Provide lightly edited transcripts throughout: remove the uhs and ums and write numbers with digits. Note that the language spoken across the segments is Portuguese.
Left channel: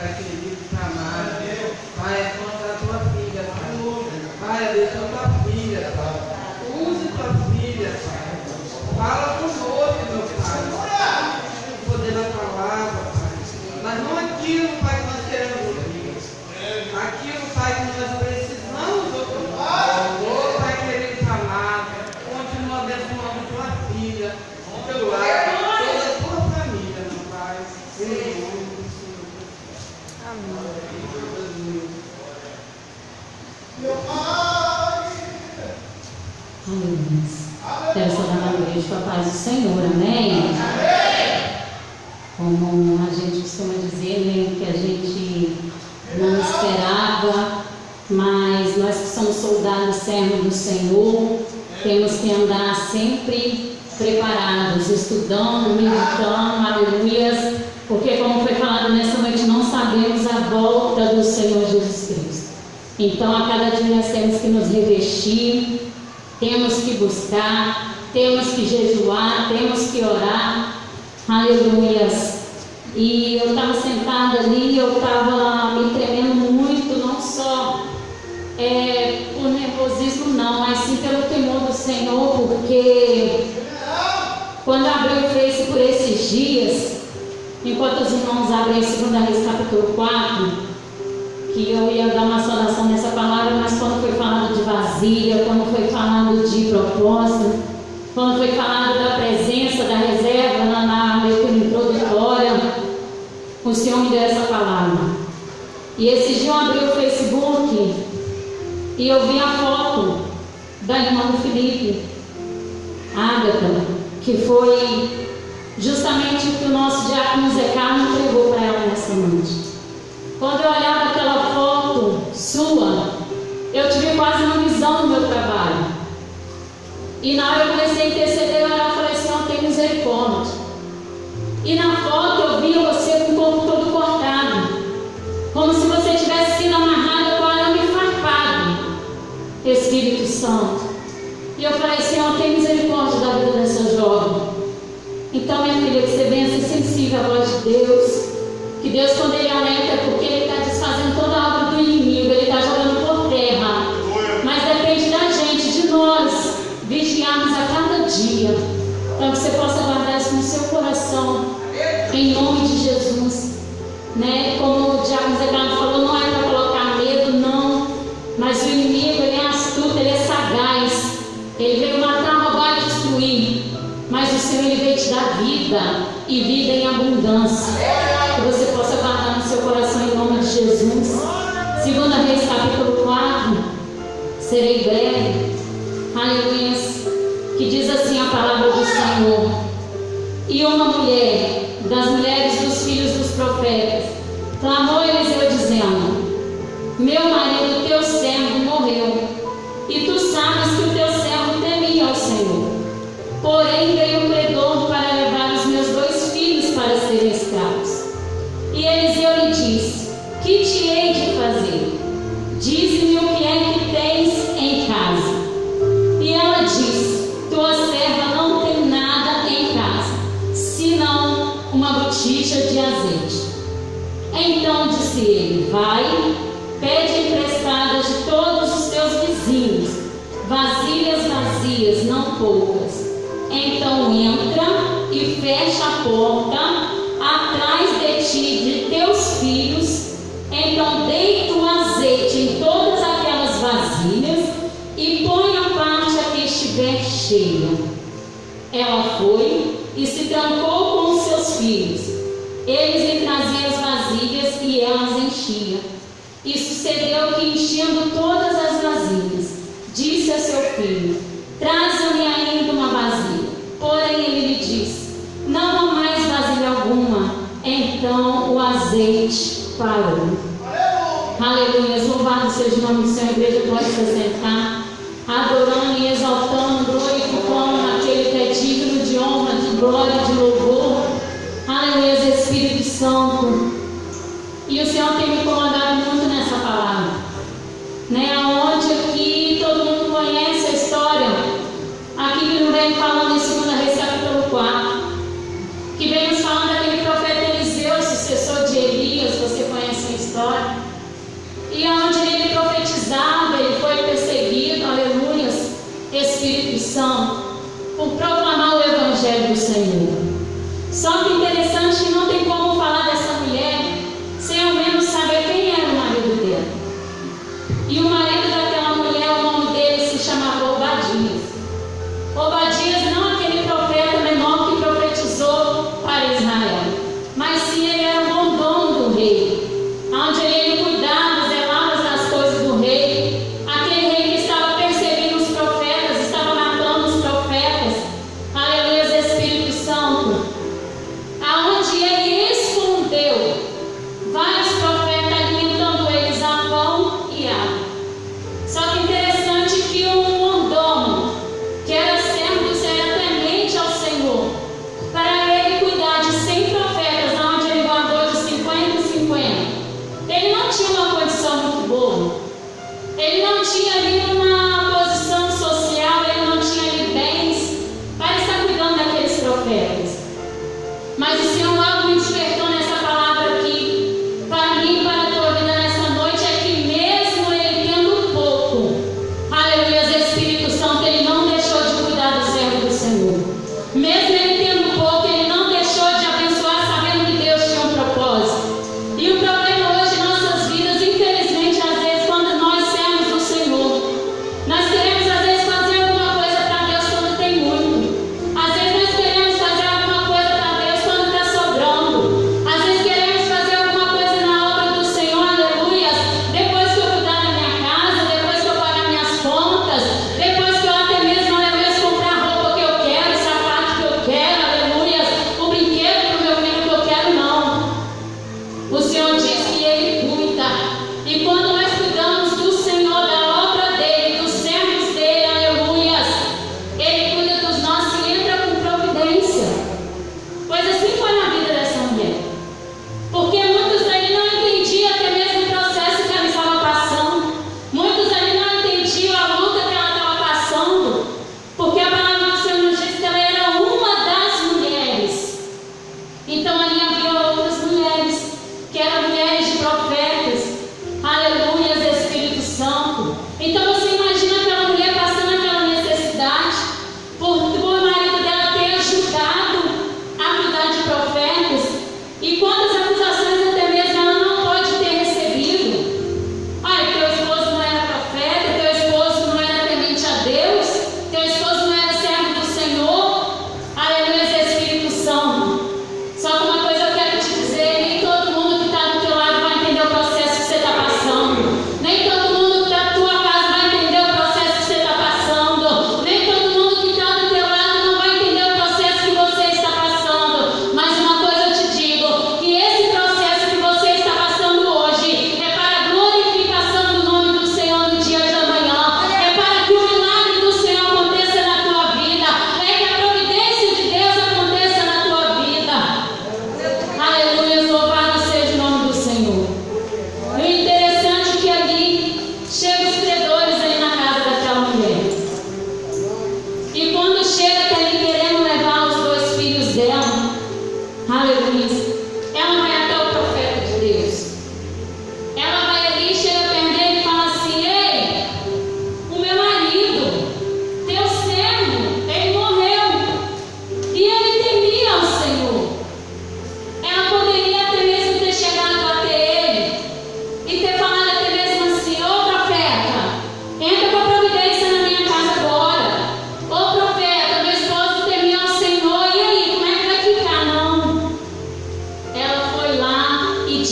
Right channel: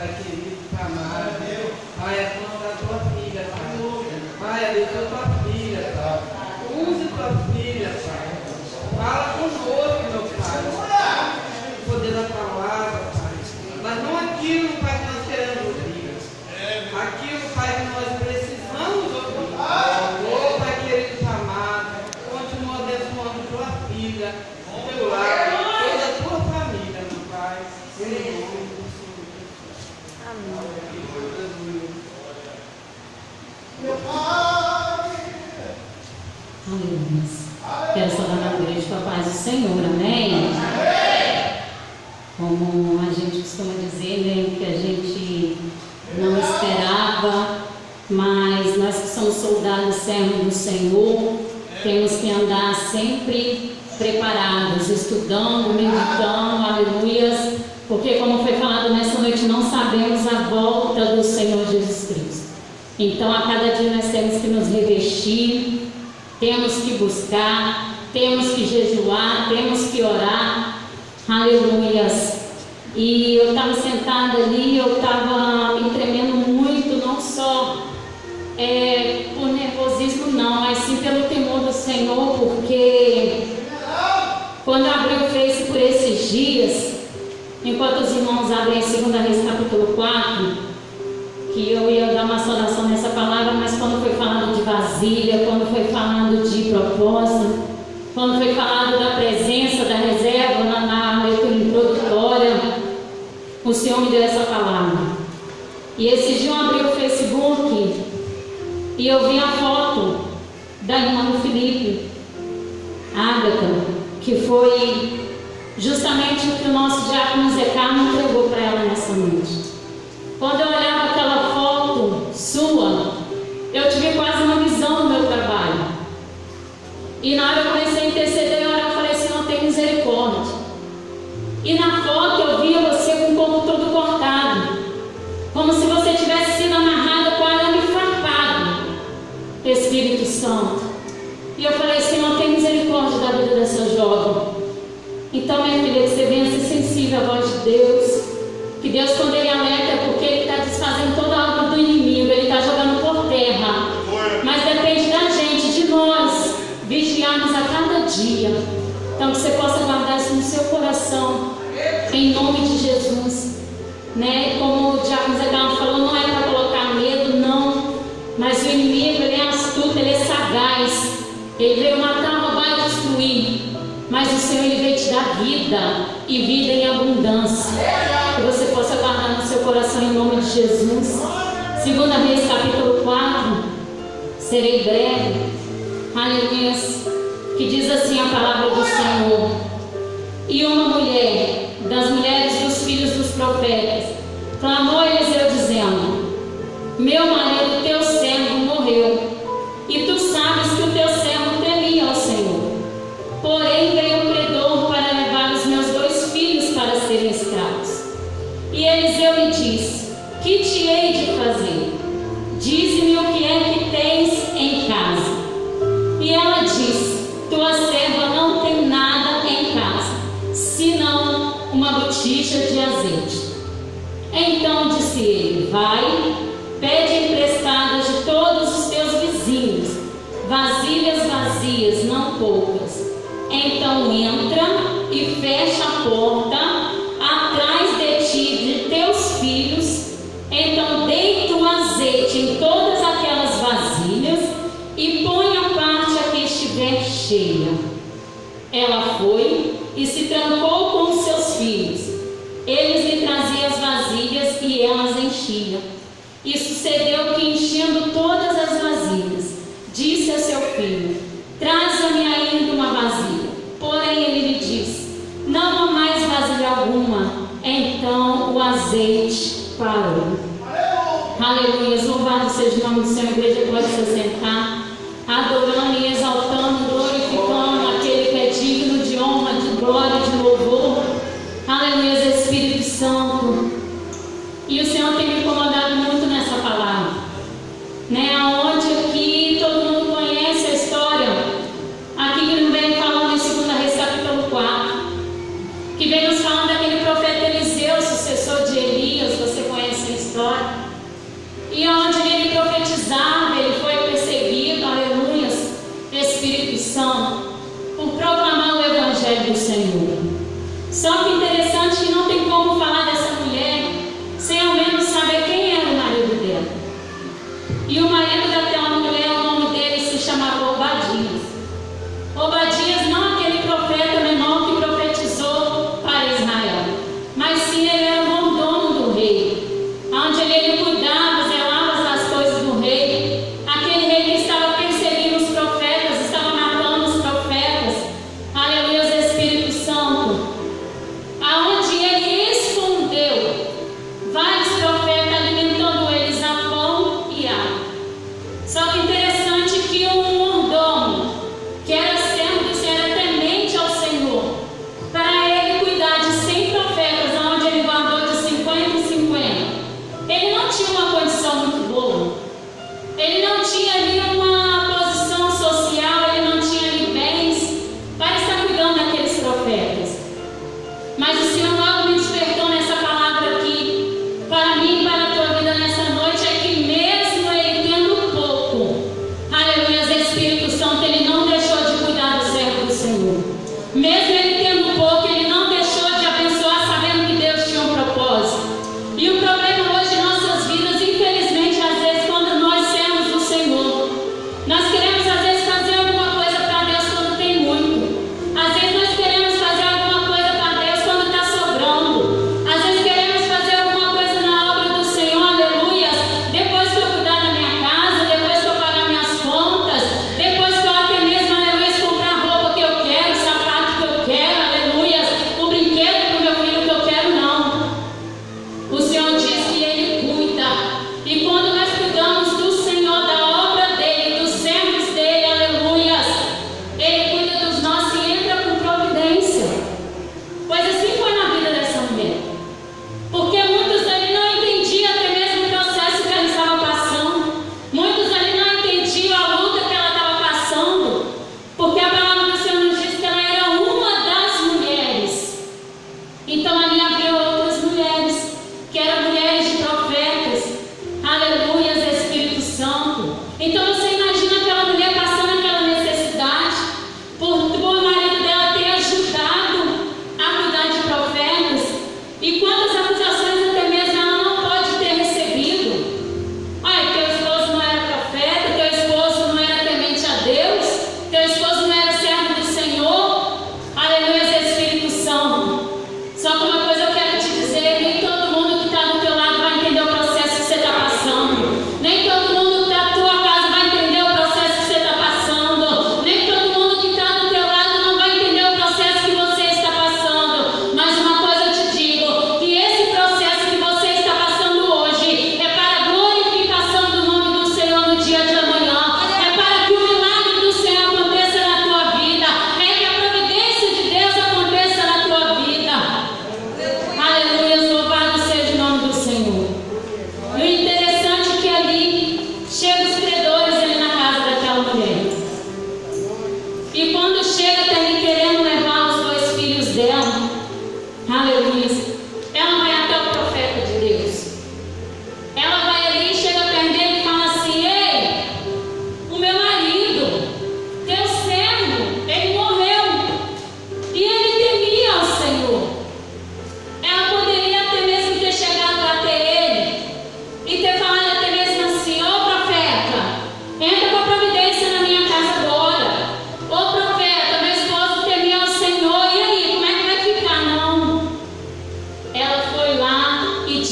Pai querido, Pai amado. Pai, é contra a tua filha, Pai. Pai, abençoa tua filha, Pai. Use tua filha, Pai. Fala conosco, meu Pai. O poder da palavra, Pai. Mas não aquilo, Pai, que nós queremos ouvir. Aquilo, Pai, que nós precisamos ouvir. Oh, Pai querido, Pai amado. Continua abençoando tua filha, o teu lar, toda a tua família, meu Pai. Em nome do Senhor. Amém. Meu Pai. Aleluia. Quero saudar na igreja com a paz do Senhor, amém? Como a gente costuma dizer, né, que a gente não esperava, mas nós que somos soldados servos do Senhor, temos que andar sempre preparados, estudando, meditando, aleluias, porque como foi falado nessa noite, não sabemos a volta do Senhor Jesus Cristo. Então a cada dia nós temos que nos revestir, temos que buscar, temos que jejuar, temos que orar, aleluias. E eu estava sentada ali, eu estava me tremendo muito, não só por nervosismo não, mas sim pelo temor do Senhor, porque quando eu abri o Face por esses dias, enquanto os irmãos abrem 2 Reis capítulo 4, que eu ia dar uma saudação nessa palavra, mas quando foi falado de vasilha, quando foi falado de propósito, quando foi falado da presença, da reserva na leitura introdutória, o Senhor me deu essa palavra. E esse dia eu abri o Facebook e eu vi a foto da irmã do Felipe, Ágata, que foi justamente o que o nosso diácono Zé Carlos entregou para ela nessa noite. Quando eu olhava aquela foto sua, eu tive quase uma visão do meu trabalho. E na hora eu comecei a interceder, eu falei, Senhor, tem misericórdia. E na foto eu via você com o corpo todo cortado, como se você tivesse sido amarrada com arame farpado, Espírito Santo. E eu falei, Senhor, tem misericórdia da vida dessa jovem. Então, minha filha, que você venha ser sensível à voz de Deus. Que Deus, quando Ele alerta, é porque Ele está desfazendo toda a obra do inimigo, Ele está jogando por terra. Mas depende da gente, de nós, vigiarmos a cada dia. Então, que você possa guardar isso no seu coração, em nome de Jesus. Né? Como o diácono Zé Carlos falou, não é para colocar medo, não. Mas o inimigo, ele é astuto, ele é sagaz. Ele veio matar, roubar e destruir. Mas o Senhor, Ele veio te dar vida, e vida em abundância. Que você possa guardar no seu coração em nome de Jesus. 2 Reis capítulo 4, serei breve, aleluia, que diz assim a palavra do Senhor. E uma mulher, das mulheres dos filhos dos profetas, clamou a Eliseu dizendo, meu marido, teu servo, morreu, e tu sabes que o teu servo temia ao Senhor. Porém veio um credor para levar os meus 2 filhos para serem escravos. E Eliseu lhe disse, que te hei de fazer? Dize-me o que é que tens em casa. E ela disse, tua serva não tem nada em casa, senão uma botija de azeite. Então disse ele, vai, pede emprestadas de todos os teus vizinhos, vasilhas vazias, não poucas. Então entra e fecha a porta atrás de ti, de teus filhos. Então deita um azeite em todas aquelas vasilhas e põe a parte a que estiver cheia. Ela foi e se trancou com os seus filhos. Eles lhe traziam as vasilhas e elas enchiam. E sucedeu que, enchendo todas as vasilhas, disse a seu filho, traze-me ainda uma vasilha. Porém ele lhe disse, não há mais vasilha alguma. Então o azeite parou. Aleluia, louvado seja o nome do Senhor. A igreja pode se assentar, adorando e exaltando, glorificando aquele que é digno de honra, de glória, de louvor. Aleluia, Espírito Santo. E o Senhor tem me incomodado muito nessa palavra, né? Aonde aqui todo mundo conhece a história, aqui que não vem falando em 2 Reis capítulo 4, que vem nos falando daquele profeta Eliseu, sucessor de Elias. Você conhece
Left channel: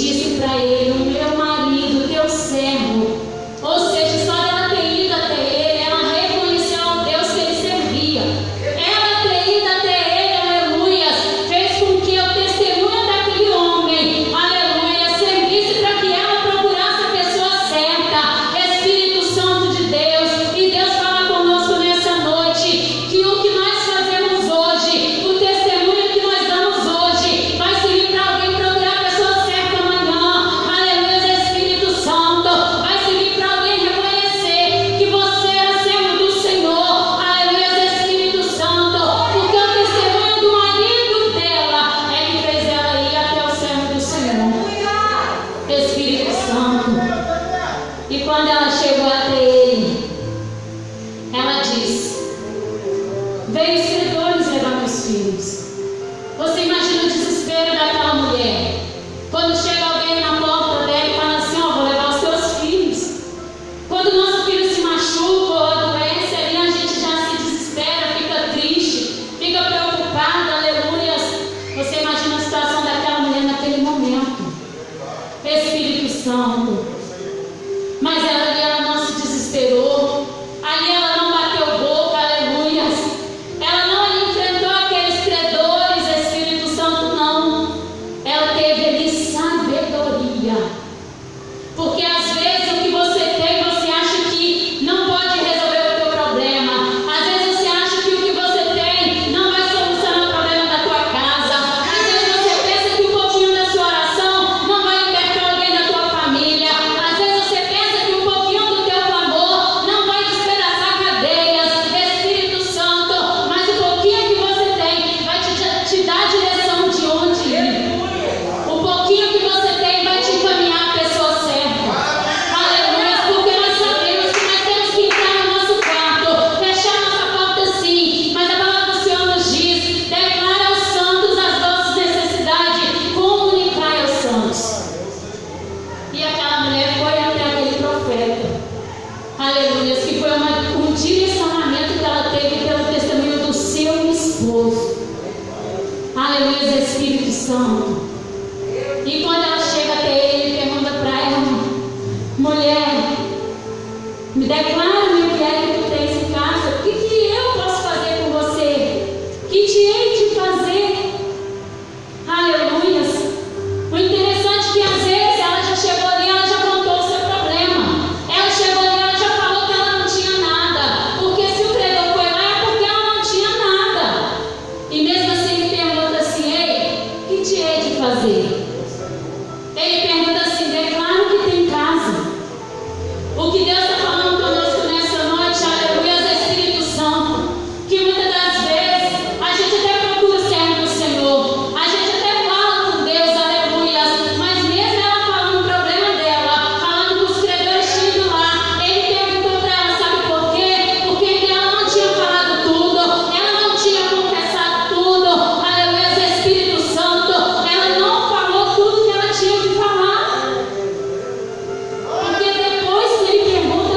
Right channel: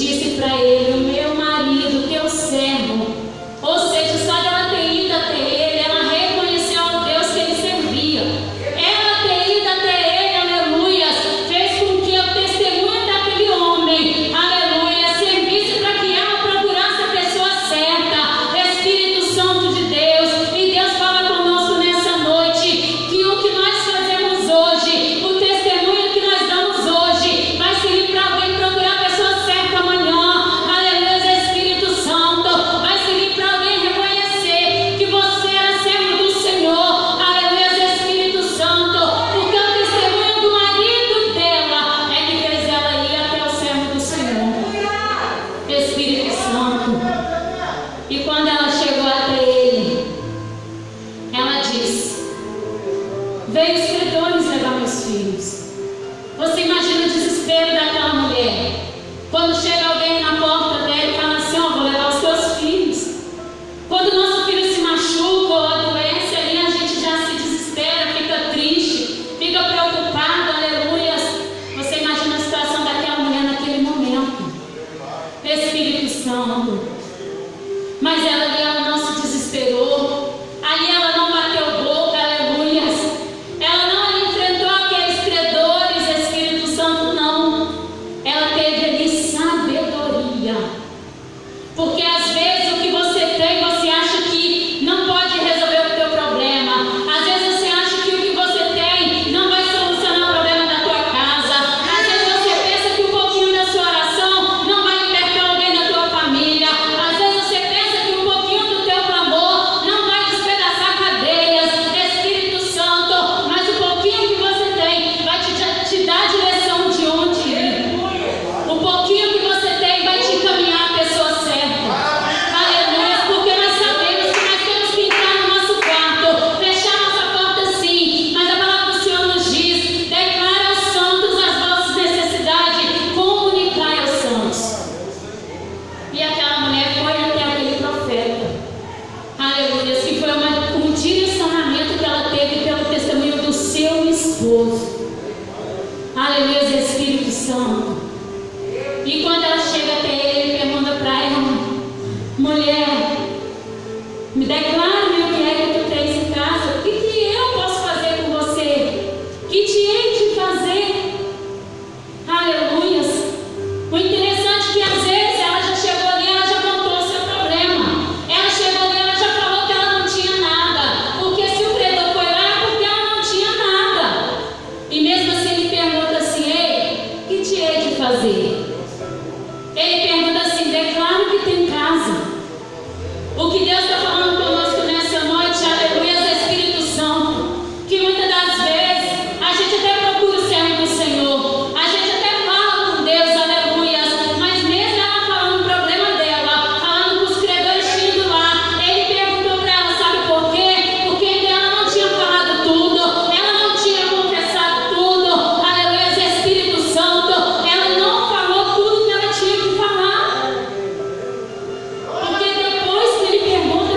disse para ele: o meu marido, teu servo. Ou seja, só ela ter ido até ele, ela reconheceu o Deus que ele servia. Ela ter ido até ele, aleluia, fez com que o testemunho daquele homem, aleluia, servisse para que ela procurasse a pessoa certa. Espírito Santo de Deus, e Deus fala conosco nessa noite que o que nós fazemos hoje, o testemunho que nós damos hoje, vai servir para alguém procurar a pessoa certa amanhã. Aleluia, Espírito Santo, vai servir para alguém reconhecer que você é servo do Senhor. Aleluia, Espírito Santo, porque o testemunho do marido dela é que fez ela ir até o servo do Senhor. Espírito Santo. E quando ela chegou até ele, ela disse: veio os credores levar meus filhos. Você imagina o desespero daquela mulher quando chega alguém na porta dela e fala assim: ó, vou levar os teus filhos. Quando o nosso filho se machuca ou adoece, ali a gente já se desespera, fica triste, fica preocupado, aleluia. Você imagina a situação daquela mulher naquele momento. Espírito Santo. Mas ela não se desesperou, ali ela não bateu boca, aleluia. Ela não enfrentou aqueles credores, Espírito Santo, não. Ela teve ali sabedoria. Porque às vezes o que você tem, você acha que não pode resolver o teu problema. Às vezes você acha que o que você tem não vai solucionar o problema da tua casa. Às vezes você pensa que um pouquinho da sua oração não vai libertar alguém da tua família. Às vezes você pensa que um pouquinho do teu clamor não vai despedaçar cadeias. Espírito Santo, mas o pouquinho que você tem vai te dar a direção de onde ir. O pouquinho que você tem vai te encaminhar a pessoa certa. Aleluia, porque nós sabemos que nós temos que entrar no nosso quarto, fechar nossa porta sim, mas a palavra do Senhor nos diz: declara aos santos as vossas necessidades, comunicai aos santos. E aquela mulher foi até aquele profeta, aleluia, que foi um direcionamento que ela teve pelo testemunho do seu esposo. Aleluia, Espírito Santo. E quando ela chega até ele, ele pergunta para ela: mulher, me declara-me o que é que tu tens em casa. O que eu posso fazer com você? Que te hei de fazer? Aleluia. O interessante é que às vezes ela já chegou ali, ela já contou o seu problema. Ela chegou ali, ela já falou que ela não tinha nada. Porque se o credor foi lá, é porque ela não tinha nada. E mesmo assim ele pergunta assim: ei, que te hei de fazer? Ele pergunta assim: declara o que tem em casa. O que Deus está falando conosco nessa noite, aleluia, Espírito Santo, que muitas das vezes a gente até procura o servo do Senhor, a gente até fala com Deus, aleluia, mas mesmo ela falando o problema dela, falando com os credores chegando lá, ele perguntou para ela: sabe por quê? Porque ela não tinha falado tudo, ela não tinha confessado tudo, aleluia, Espírito Santo, ela não falou tudo que ela tinha que falar. Porque depois que ele pergunta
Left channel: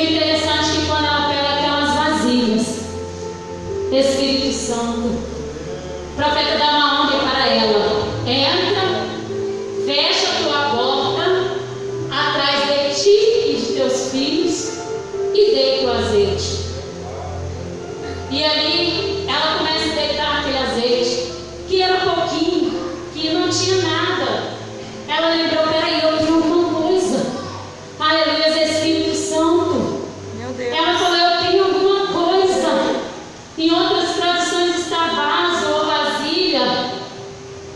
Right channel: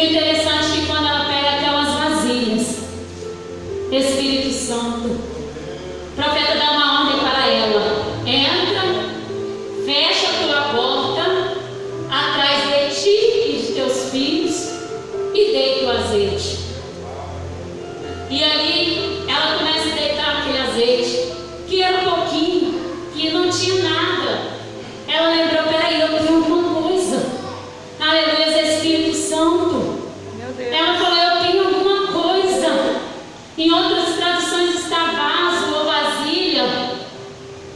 o interessante é que quando ela pega aquelas vasilhas, Espírito Santo, o profeta dá uma ordem para ela: entra, fecha a tua porta atrás de ti e de teus filhos e deita o azeite. E ali ela começa a deitar aquele azeite, que era um pouquinho, que não tinha nada. Ela lembrou: peraí, eu tenho alguma coisa. Aleluia, Espírito Santo. Meu Deus. Ela falou: eu tenho alguma coisa. Em outras traduções está vaso ou vasilha.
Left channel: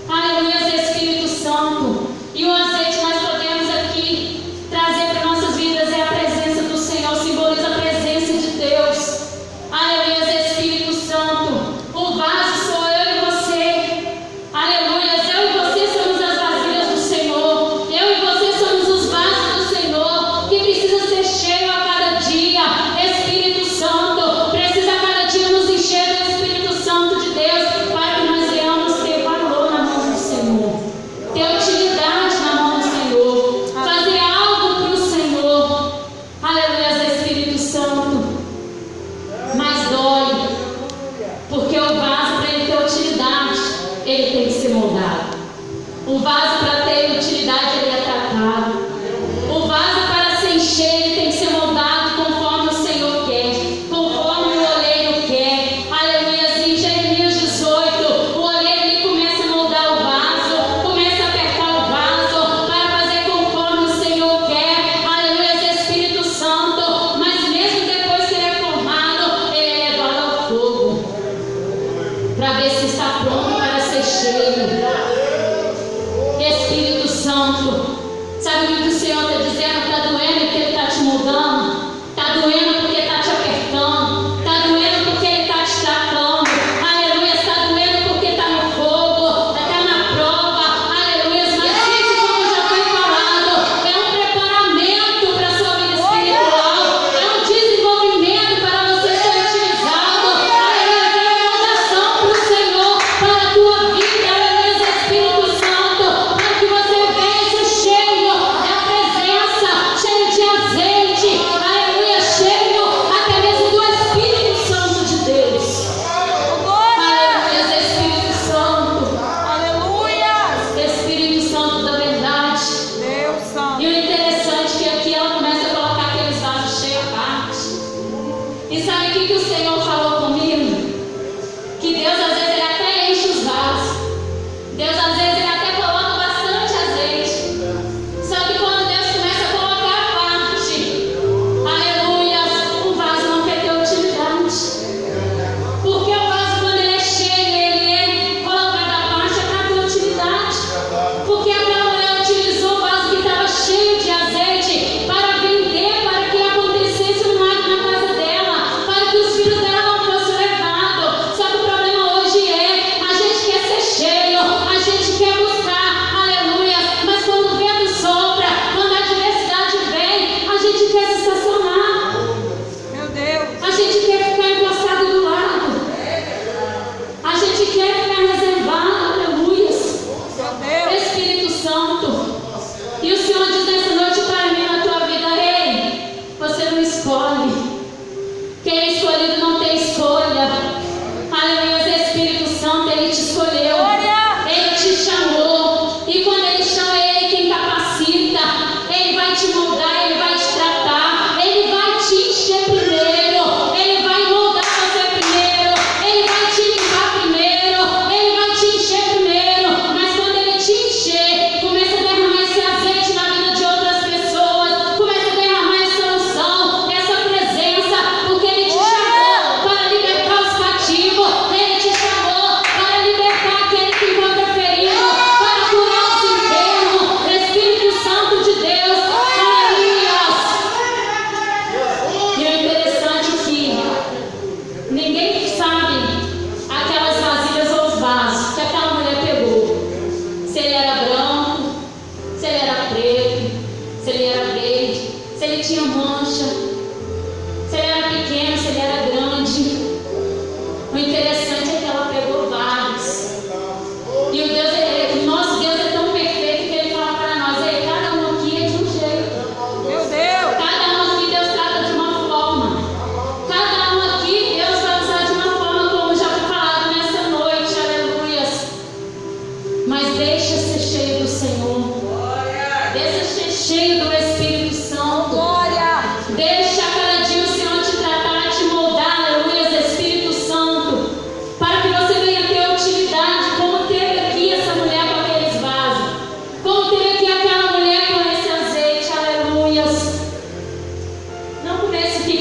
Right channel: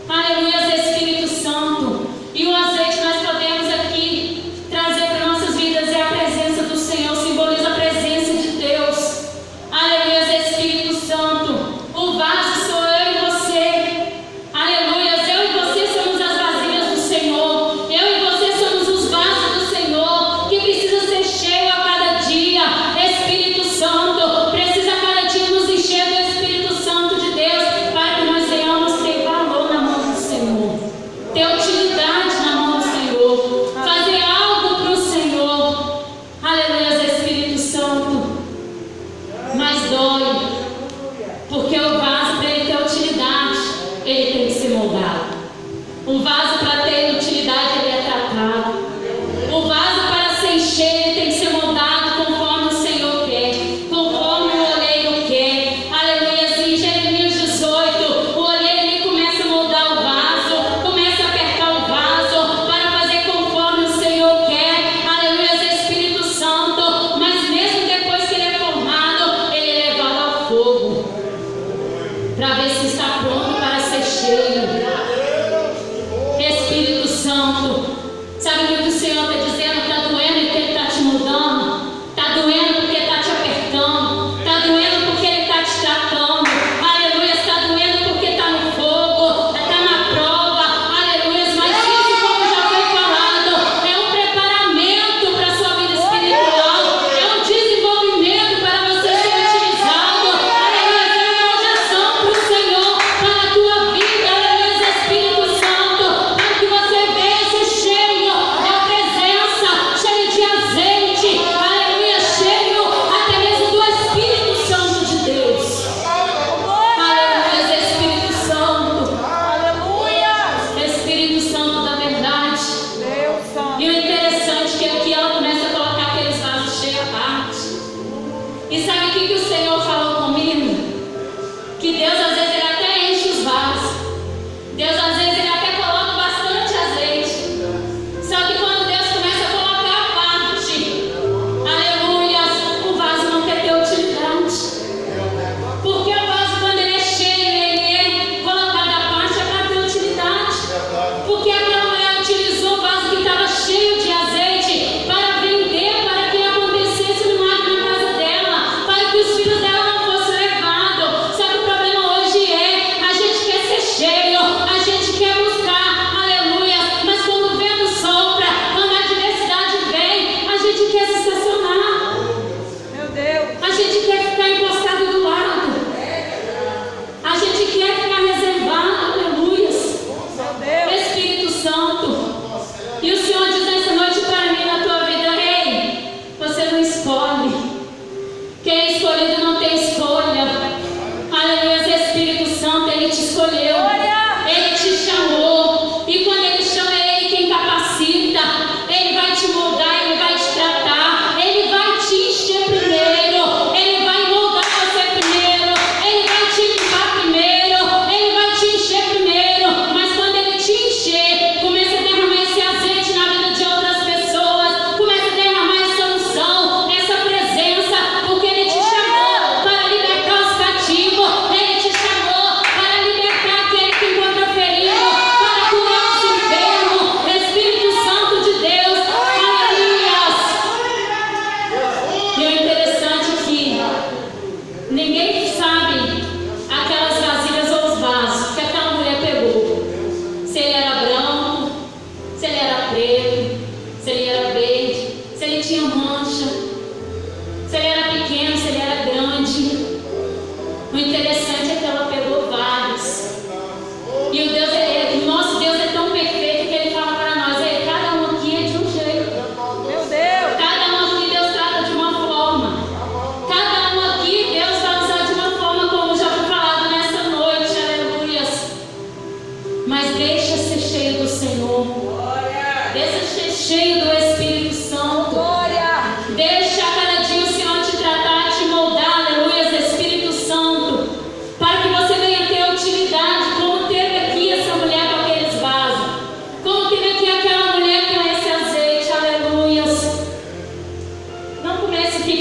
Aleluia, Espírito Santo. E o azeite nós podemos aqui trazer para nossas vidas é a presença do Senhor, simboliza a presença de Deus. Aleluia, Espírito Santo. O vaso sou eu e você. Aleluia, eu e você somos as vasilhas do Senhor. Eu e você somos os vasos do Senhor, que precisa ser cheio a cada dia. Espírito Santo, precisa a cada dia nos encher do Espírito Santo de Deus, para que nós venhamos ter valor na mão do Senhor, ter utilidade na mão do Senhor, fazer algo para o Senhor. Aleluia, Espírito Santo. Mas dói, porque o vaso, para ele ter utilidade, ele tem que ser moldado. O vaso, para ter utilidade, ele é tratado. O vaso, para se encher, ele tem que ser moldado conforme o Senhor quer, conforme o oleiro quer. Aleluia. Em Jeremias 18, o oleiro ele começa a moldar o vaso, começa a apertar o vaso para fazer conforme o Senhor quer. Aleluia, Espírito Santo. Mas mesmo depois que ele é formado, ele é levado ao fogo para ver se está pronto para ser cheio. Espírito Santo, sabe o que o Senhor está dizendo? Está doendo porque Ele está te moldando, está doendo porque está te apertando, está doendo porque Ele está te tratando. Aleluia, está doendo porque está no fogo, está na prova. Aleluia, mas isso, como já foi falado, é um preparamento para a sua vida espiritual, é um desenvolvimento para você ser utilizado. Aleluia, é uma projeção para o Senhor, para a tua vida. Aleluia, Espírito Santo, para que você venha ser cheio da presença, cheio de azeite, aleluia, cheio até mesmo do Espírito Santo de Deus. Aleluia, Espírito Santo, Aleluia. Espírito Santo da verdade. Deus Santo. E o interessante é que aqui ela começa a colocar aqueles vasos cheios à parte. E sabe o que o Senhor falou comigo? Que Deus às vezes ele até enche os vasos. Deus às vezes ele até coloca bastante azeite. Só que quando Deus começa a colocar a parte, aleluia, o vaso não tem utilidade. Porque o vaso, quando ele é cheio, ele é colocado à parte, é para ter utilidade. Porque aquela mulher utilizou o vaso que estava cheio de azeite para vender, para que acontecesse um milagre na casa dela, para que os filhos dela não fossem levados. Sabe, o problema hoje é, a gente quer ser cheio, a gente quer buscar, aleluia, mas quando o vento sopra, quando a adversidade vem, a gente quer se estacionar, Meu Deus. a gente quer ficar encostado do lado, a gente quer ficar reservado, aleluia. Meu Deus. Espírito Santo, e o Senhor diz nessa noite para mim, na tua vida: ei, você não escolhe. Quem é escolhido não tem escolha. Aleluia, Espírito Santo, Ele te escolheu, Glória. Ele te chamou, e quando Ele chama, é Ele quem capacita. Ele vai te moldar, Ele vai te tratar, Ele vai te encher primeiro, Ele vai moldar você primeiro, Ele vai te limpar primeiro, Ele vai te encher primeiro. Mas quando Ele te encher, começa a derramar esse azeite na vida de outras pessoas, começa a derramar essa unção, essa presença.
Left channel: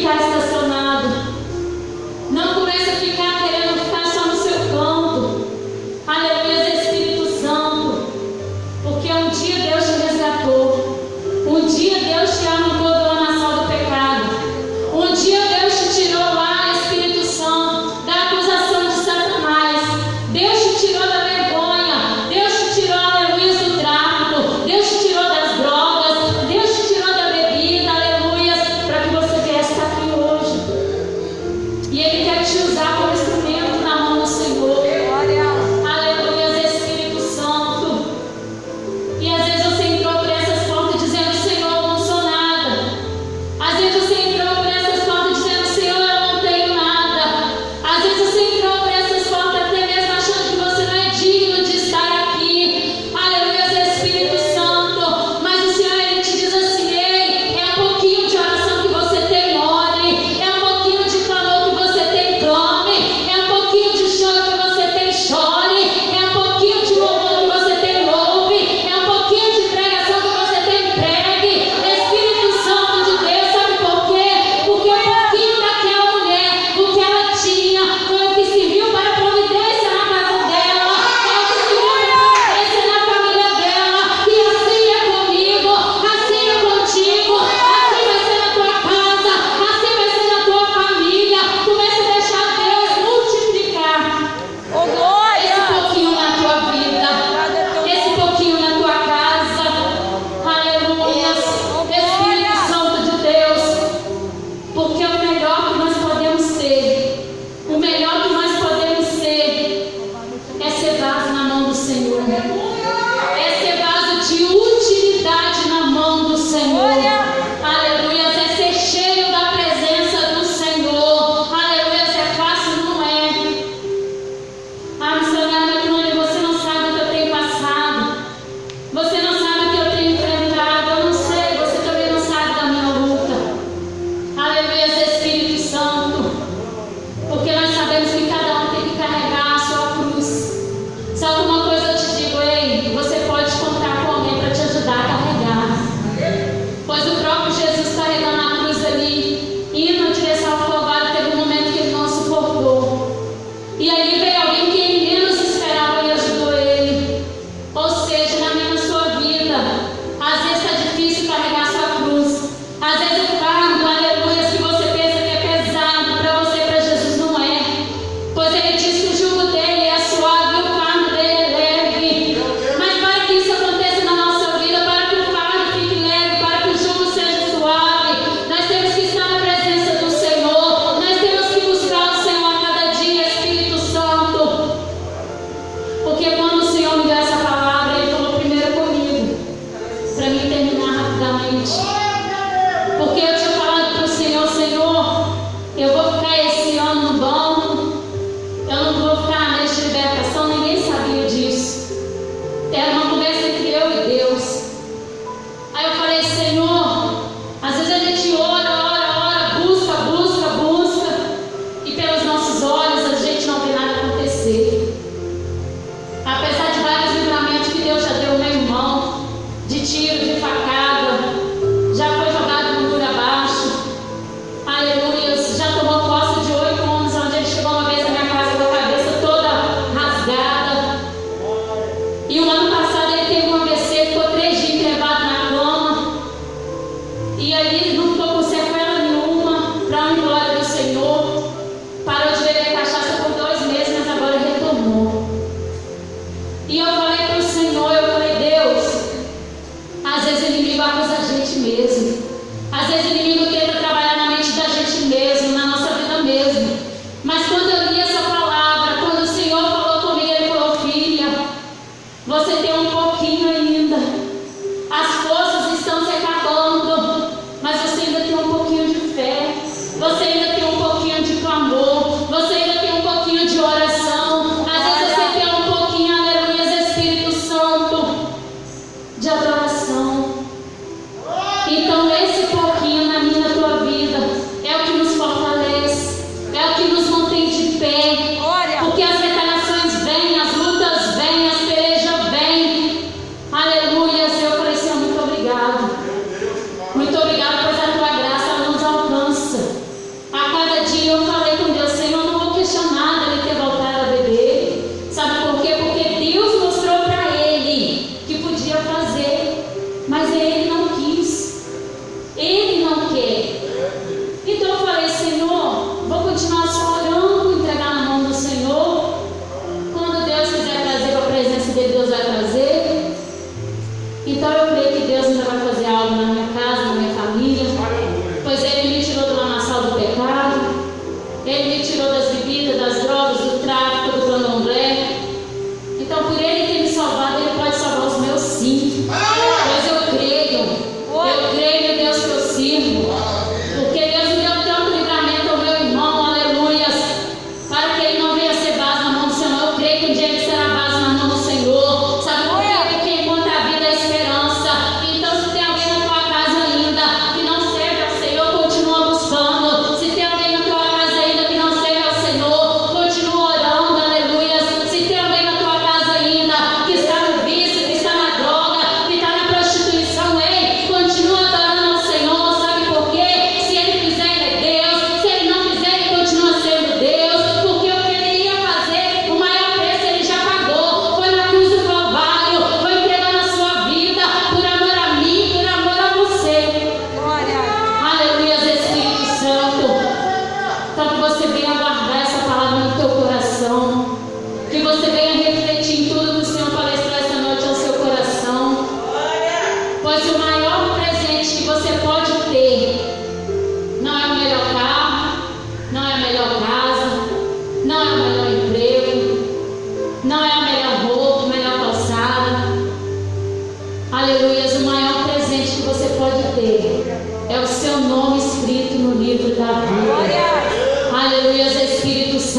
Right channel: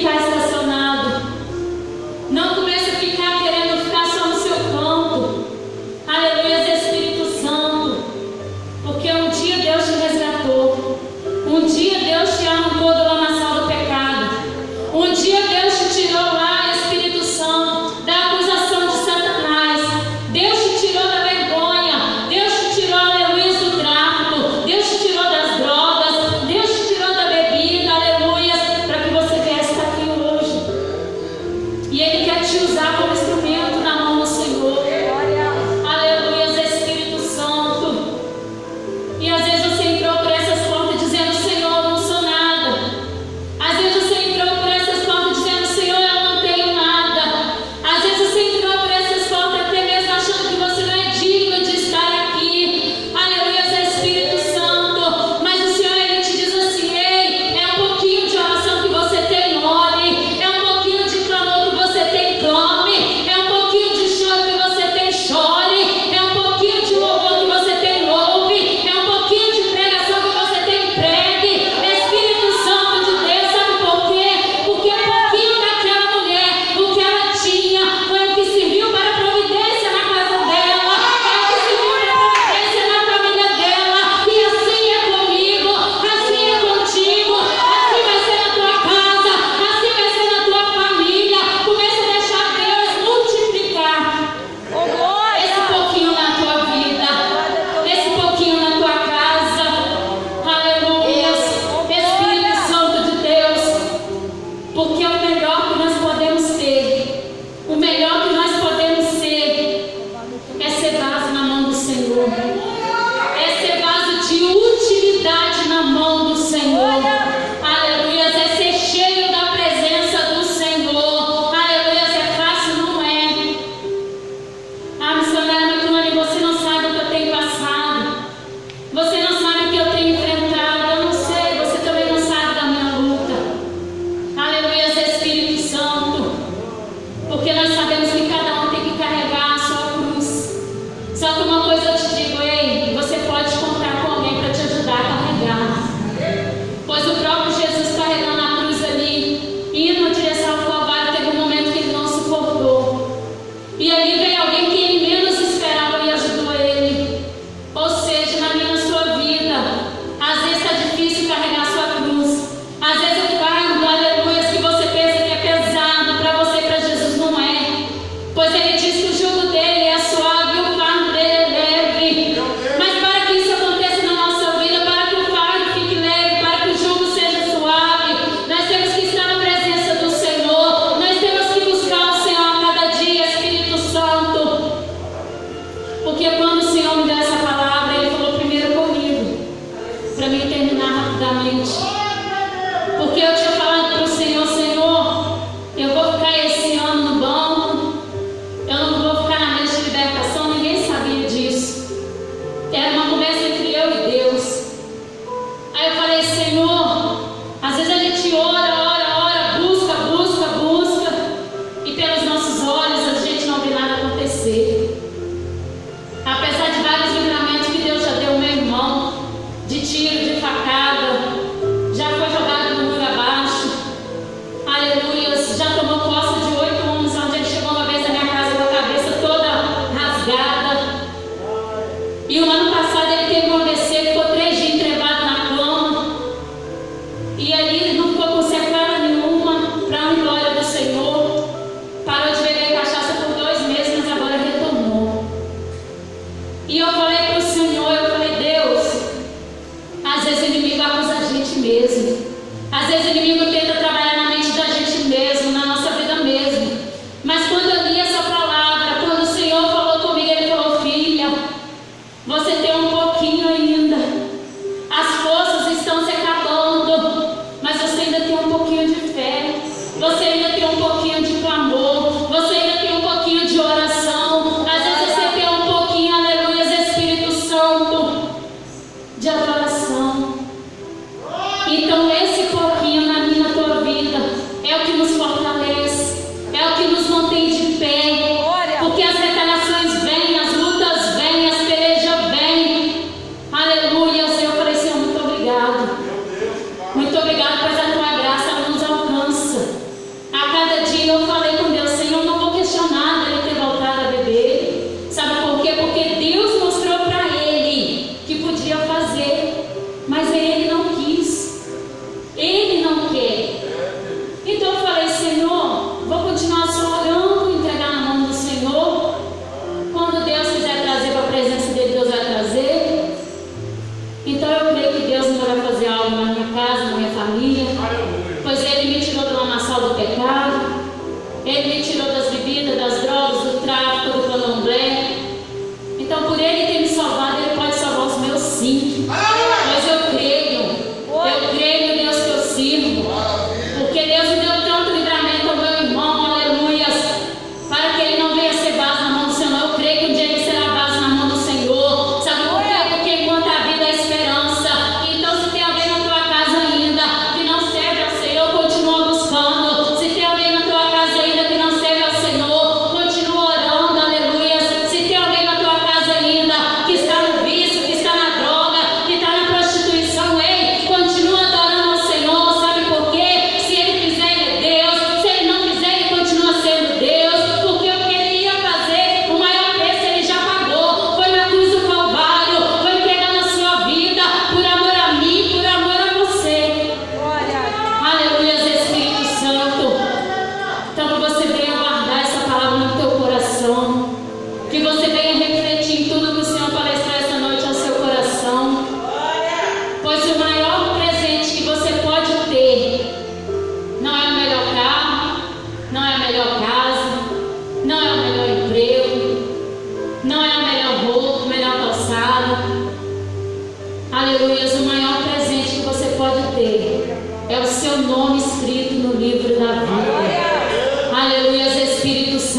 ficar estacionado. Não comece a ficar querendo ficar só no seu canto. Aleluia, Espírito Santo. Porque um dia Deus te resgatou. Um dia Deus te arrancou do lamaçal do pecado. Um dia Deus te tirou lá, Espírito Santo, da acusação de Satanás. Deus te tirou da vergonha. Deus te tirou, aleluia, do tráfico. Deus te tirou das drogas. Deus te tirou da bebida, aleluia, para que você viesse estar aqui hoje.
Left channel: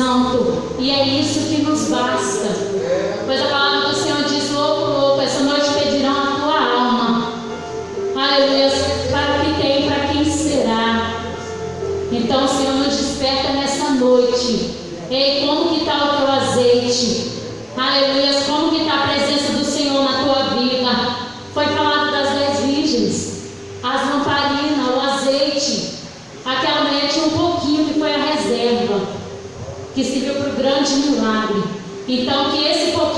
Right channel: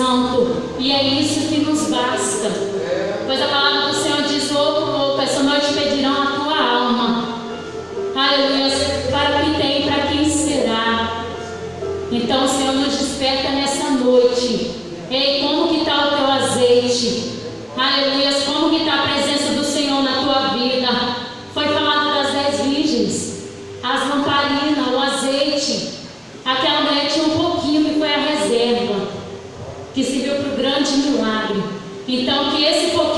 Santo, e é isso que nos basta. Pois a palavra do Senhor diz: louco, essa noite pedirão a tua alma. Aleluia, para o que tem, para quem será. Então o Senhor nos desperta nessa noite. Ei, como que está o teu azeite? Aleluia, como que está a presença do Senhor na tua vida? Foi falado das 10 virgens, as lamparinas, o azeite. Aquela mulher tinha um pouquinho que foi a reserva, que serviu para o grande milagre. Então que esse pouquinho